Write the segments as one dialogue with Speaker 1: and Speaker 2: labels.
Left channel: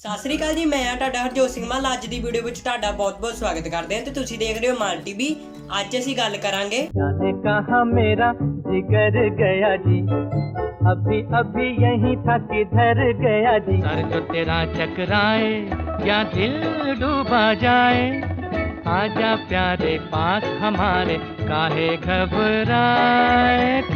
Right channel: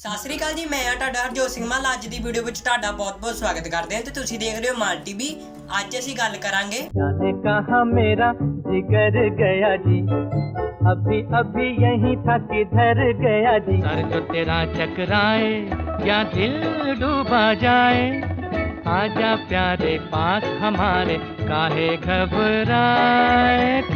Speaker 1: ਸਤਿ ਸ੍ਰੀ ਅਕਾਲ ਜੀ ਮੈਂ ਆ ਤੁਹਾਡਾ ਹਰਜੋਤ ਸਿੰਘ ਮਾਲ ਅੱਜ ਦੀ ਵੀਡੀਓ ਵਿੱਚ ਤੁਹਾਡਾ ਬਹੁਤ-ਬਹੁਤ ਸਵਾਗਤ ਕਰਦੇ ਹਾਂ ਤੇ ਤੁਸੀਂ ਦੇਖ ਰਹੇ ਹੋ ਮਾਲ ਟੀਵੀ ਅੱਜ ਅਸੀਂ ਗੱਲ ਕਰਾਂਗੇ
Speaker 2: जाने कहा मेरा जिगर गया जी अभी अभी यही था किधर गया जी सर जो तेरा चकराए या दिल डूबा जाए आजा प्यारे पास हमारे काहे घबराए काहे घबरा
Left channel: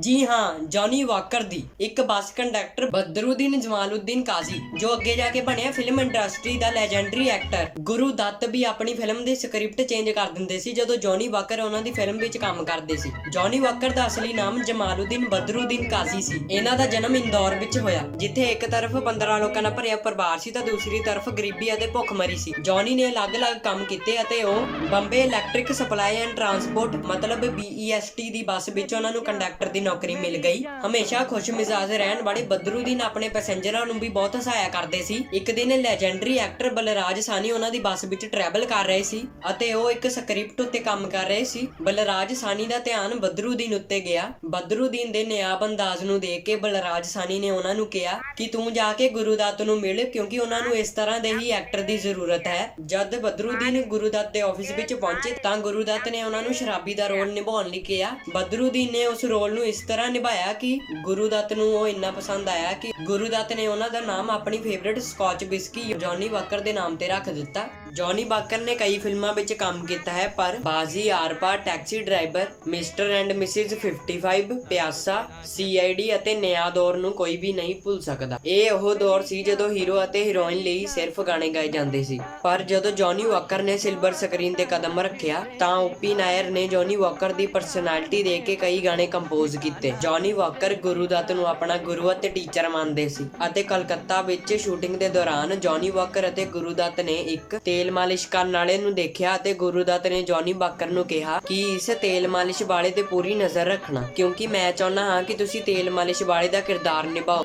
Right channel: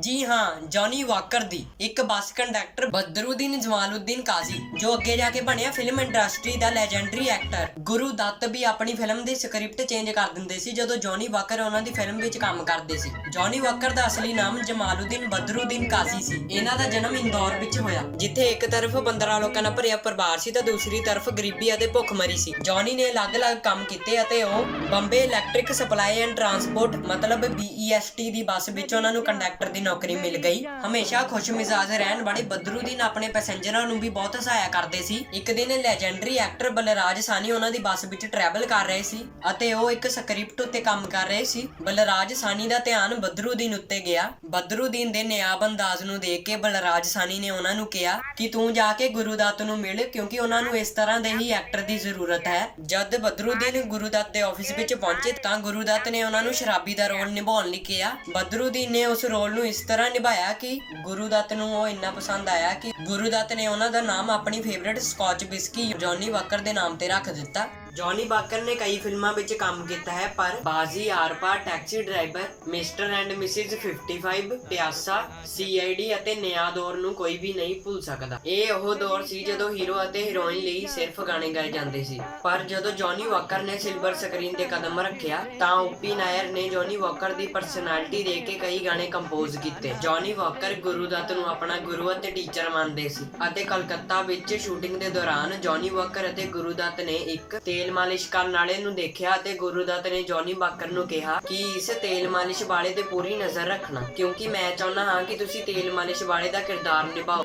Speaker 1: ਜੀ ਹਾਂ ਜੌਨੀ ਵਾਕਰ ਦੀ। ਇੱਕ ਬੱਸ ਕੰਡਕਟਰ ਬਦਰੁਦੀਨ ਜਮਾਲਉਦੀਨ ਕਾਜ਼ੀ, ਜੋ ਅੱਗੇ ਜਾ ਕੇ ਬਣਿਆ ਫਿਲਮ ਇੰਡਸਟਰੀ ਦਾ ਲੈਜੈਂਡਰੀ ਐਕਟਰ ਗੁਰੂ ਦੱਤ ਵੀ ਆਪਣੀ ਫਿਲਮ ਦੀ ਸਕ੍ਰਿਪਟ ਚੇਂਜ ਕਰ ਦਿੰਦੇ ਸੀ, ਜਦੋਂ ਜੌਨੀ ਵਾਕਰ ਉਹਨਾਂ ਦੀ ਫਿਲਮ ਵਿੱਚ ਕੰਮ ਕਰਦੇ ਸੀ। ਜੌਨੀ ਵਾਕਰ ਦਾ ਅਸਲੀ ਨਾਮ ਜਮਾਲਉਦੀਨ ਬਦਰੁਦੀਨ ਕਾਜ਼ੀ ਸੀ। ਇਹਨਾਂ ਦਾ ਜਨਮ ਇੰਦੌਰ ਵਿੱਚ ਹੋਇਆ, ਜਿੱਥੇ ਇੱਕ ਤਰਫ 15 ਲੋਕਾਂ ਨਾਲ ਭਰਿਆ ਪਰਿਵਾਰ ਸੀ ਤਾਂ ਦੂਸਰੀ ਤਰਫ ਗਰੀਬੀ ਅਤੇ ਭੁੱਖਮਰੀ ਸੀ। ਜੌਨੀ ਨੇ ਅਲੱਗ-ਅਲੱਗ ਕੰਮ ਕੀਤੇ ਅਤੇ ਉਹ Bombay electric supply and transport ਮਤਲਬ BEST ਦੀ ਬੱਸ ਵਿੱਚ ਉਹਨਾਂ ਨੂੰ ਕੰਡਕਟਰ ਦੀ ਨੌਕਰੀ ਮਿਲ ਗਈ। ਹਮੇਸ਼ਾ ਖੁਸ਼ ਮਿਜ਼ਾਜ ਰਹਿਣ ਵਾਲੇ ਬਦਰੁਦੀਨ ਆਪਣੇ ਪੈਸੇਂਜਰਾਂ ਨੂੰ ਵੀ ਬਹੁਤ ਸਹਾਇਤਾ ਕਰਦੇ ਸੀ। ਇੱਕ ਦਿਨ ਲੈਜੈਂਡਰੀ ਐਕਟਰ ਬਲਰਾਜ ਸਾਨੀ ਉਹਨਾਂ ਦੀ ਬੱਸ ਵਿੱਚ ਟਰੈਵਲ ਕਰ ਰਹੇ ਸੀ ਅਤੇ ਉਹ ਇੱਕ ਸਕ੍ਰਿਪਟ ਉੱਤੇ ਕੰਮ ਕਰ ਰਹੇ ਸੀ। ਬਲਰਾਜ ਸਾਨੀ ਦਾ ਧਿਆਨ ਬਦਰੁਦੀਨ ਉੱਤੇ ਗਿਆ। ਬਦਰੁਦੀਨ ਦੇ ਨਿਆਬ ਅੰਦਾਜ਼ ਨੂੰ ਦੇਖ ਕੇ ਬਲਰਾਜ ਸਾਨੀ ਨੇ ਉਹਨਾਂ ਨੂੰ ਕਿਹਾ ਕਿ ਤੂੰ ਜਾ ਕੇ ਗੁਰੂਦੱਤ ਨੂੰ ਮਿਲ ਕਿਉਂਕਿ ਉਹਨਾਂ ਨੂੰ ਇਸ ਤਰ੍ਹਾਂ ਦੇ ਹੀ ਐਕਟਰ ਦੀ ਜ਼ਰੂਰਤ ਹੈ। ਜਦ ਬਦਰੁਦੀਨ ਗੁਰੂਦੱਤ ਦੇ ਆਫਿਸ ਵਿੱਚ ਪਹੁੰਚੇ ਤਾਂ ਗੁਰੂਦੱਤ ਨੇ ਉਹਨਾਂ ਨੂੰ ਸ਼ਰਾਬੀ ਦਾ ਰੋਲ ਨਿਭਾਉਣ ਲਈ ਕਿਹਾ। ਬਦਰੁਦੀਨ ਨੇ ਉਸ ਰੋਲ ਨੂੰ ਇਸ ਤਰ੍ਹਾਂ ਨਿਭਾਇਆ ਕਿ ਗੁਰੂ ਦੱਤ ਨੂੰ ਉਹ ਇੰਨਾ ਪਸੰਦ ਆਇਆ ਕਿ ਗੁਰੂ ਦੱਤ ਨੇ ਉਹਨਾਂ ਦਾ ਨਾਮ ਆਪਣੀ favourite scotch whisky Johnny Walker ਦੇ ਨਾਮ ਤੇ ਰੱਖ ਦਿੱਤਾ। ਜੌਨੀ ਵਾਕਰ ਨੇ ਕਈ ਫਿਲਮਾਂ ਵਿੱਚ ਕੰਮ ਕੀਤਾ ਹੈ, ਪਰ Baazi Aar Paar taxi driver mister and missus 55 Pyaasa CID ਅਤੇ ਨਿਆ ਦੌਰ ਨੂੰ ਕੋਈ ਵੀ ਨਹੀਂ ਭੁੱਲ ਸਕਦਾ। ਇਹ ਉਹ ਦੌਰ ਸੀ ਜਦੋਂ ਹੀਰੋ ਅਤੇ ਹੀਰੋਇਨ ਲਈ ਸਿਰਫ ਗਾਣੇ ਗਾਏ ਜਾਂਦੇ ਸੀ। ਪਰ ਜਦੋਂ ਜੌਨੀ ਵਾਕਰ ਨੇ ਸਿਲਵਰ ਸਕਰੀਨ ਤੇ ਕਦਮ ਰੱਖਿਆ, ਤਾਂ ਓਪੀ ਨਾਇਰ ਨੇ ਜੌਨੀ ਵਾਕਰ ਦੀ ਪਰਸਨੈਲਿਟੀ ਦੇ ਕੇ ਕਈ ਗਾਣੇ ਕੰਪੋਜ਼ ਕੀਤੇ। ਜੌਨੀ ਵਾਕਰ ਗੁਰੂਦੱਤ ਨੂੰ ਆਪਣਾ ਗੁਰੂ ਅਤੇ ਟੀਚਰ ਮੰਨਦੇ ਸੀ ਅਤੇ ਕਲਕੱਤਾ ਵਿੱਚ ਸ਼ੂਟਿੰਗ ਦੇ ਦੌਰਾਨ ਜੌਨੀ ਵਾਕਰ ਅਤੇ ਗੁਰੂਦੱਤ ਨੇ ਇੱਕ ਤੇ ਤੇਲ ਮਾਲਿਸ਼ ਕਰਨ ਵਾਲੇ ਨੂੰ ਦੇਖਿਆ ਅਤੇ ਗੁਰੂਦੱਤ ਨੇ ਜੌਨੀ ਵਾਕਰ ਨੂੰ ਕਿਹਾ ਕਿ ਇਸ ਤੇਲ ਮਾਲਿਸ਼ ਵਾਲੇ ਤੇ ਪੂਰੀ ਨਜ਼ਰ ਰੱਖਣਾ ਕਿਉਂਕਿ ਮੈਂ ਚਾਹੁੰਦਾ ਹਾਂ ਕਿ ਤੁਸੀਂ ਤੇਲ ਮਾਲਿਸ਼ ਵਾਲੇ ਦਾ ਕਿਰਦਾਰ ਨਿਭਾਓ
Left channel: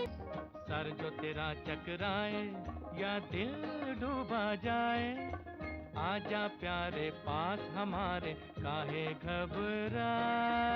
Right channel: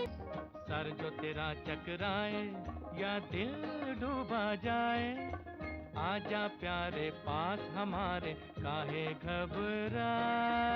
Speaker 2: सर जो तेरा चकराए या दिल डूबा जाए आजा प्यारे पास हमारे काहे घबराए काहे घबराए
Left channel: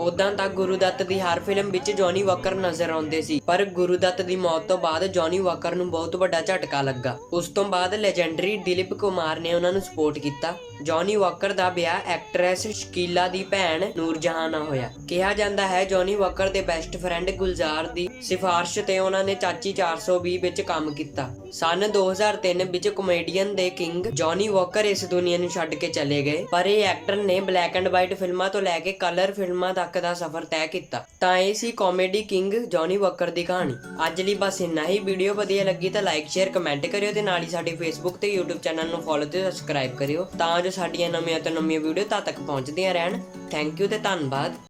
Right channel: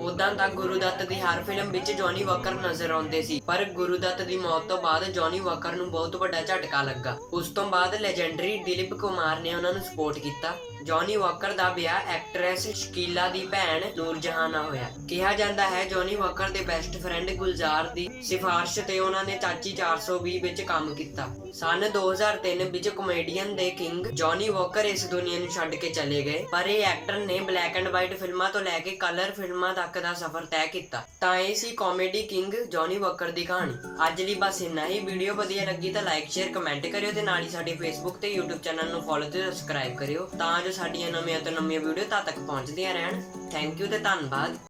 Speaker 1: ਉਦਾਂ ਤਾਂ ਗੁਰੂਦੱਤ ਦੀ ਹਰ ਫਿਲਮ ਵਿੱਚ ਜੌਨੀ ਵਾਕਰ ਨਜ਼ਰ ਆਉਂਦੇ ਸੀ, ਪਰ ਗੁਰੂ ਦੱਤ ਦੀ ਮੌਤ ਤੋਂ ਬਾਅਦ ਜੌਨੀ ਵਾਕਰ ਨੂੰ ਬਹੁਤ ਵੱਡਾ ਝਟਕਾ ਲੱਗਾ। ਉਸ ਤੋਂ ਬਾਅਦ ਲੈਜੈਂਡਰੀ ਦਿਲੀਪ ਕੁਮਾਰ ਨੇ ਉਹਨਾਂ ਨੂੰ ਸਪੋਰਟ ਕੀਤਾ। ਜੌਨੀ ਵਾਕਰ ਦਾ ਵਿਆਹ ਐਕਟਰੈਸ ਸ਼ਕੀਲਾ ਦੀ ਭੈਣ ਨੂਰਜਹਾਨ ਨਾਲ ਹੋਇਆ। ਕਿਹਾ ਜਾਂਦਾ ਹੈ ਜੌਨੀ ਵਾਕਰ ਦੇ ਬੈਸਟ ਫਰੈਂਡ ਗੁਲਜ਼ਾਰ ਦੀ ਸਿਫਾਰਿਸ਼ ਤੇ ਉਹਨਾਂ ਨੇ ਚਾਚੀ 420 ਵਿੱਚ ਕੰਮ ਕੀਤਾ। ਸਨ 2003 ਵਿੱਚ ਕਮੇਡੀਅਨ ਦੇ ਕਿੰਗ ਜੌਨੀ ਵਾਕਰ ਇਸ ਦੁਨੀਆ ਨੂੰ ਛੱਡ ਕੇ ਚਲੇ ਗਏ, ਪਰ ਇਹ ਐਕਟਰ ਨੇ ਬਲੈਕ ਐਂਡ ਵਾਈਟ ਫਿਲਮਾਂ ਤੋਂ ਲੈ ਕੇ ਕਲਰ ਫਿਲਮਾਂ ਤੱਕ ਦਾ ਸਫ਼ਰ ਤੈਅ ਕੀਤਾ। ਤਾਂ ਇਹ ਸੀ ਕਾਮੇਡੀ ਕਿੰਗ ਜੌਨੀ ਵਾਕਰ ਦੀ ਕਹਾਣੀ। ਅੱਜ ਲਈ ਬਸ ਇੰਨਾ ਹੀ। ਵੀਡੀਓ ਵਧੀਆ ਲੱਗੀ ਤਾਂ ਲਾਈਕ ਸ਼ੇਅਰ ਕਮੈਂਟ ਕਰਿਓ ਤੇ ਨਾਲ ਹੀ ਸਾਡੇ ਫੇਸਬੁੱਕ ਤੇ YouTube ਚੈਨਲ ਨੂੰ ਫੋਲੋ ਤੇ ਸਬਸਕ੍ਰਾਈਬ ਕਰਿਓ। ਤਾਂ ਜੋ ਸਾਡੀਆਂ ਨਵੀਆਂ ਤੋਂ ਨਵੀਆਂ ਵੀਡੀਓ ਤਦ ਤੱਕ ਪਹੁੰਚਦੀਆਂ ਰਹਿਣ। ਥੈਂਕ ਯੂ ਤੇ ਧੰਨਵਾਦ।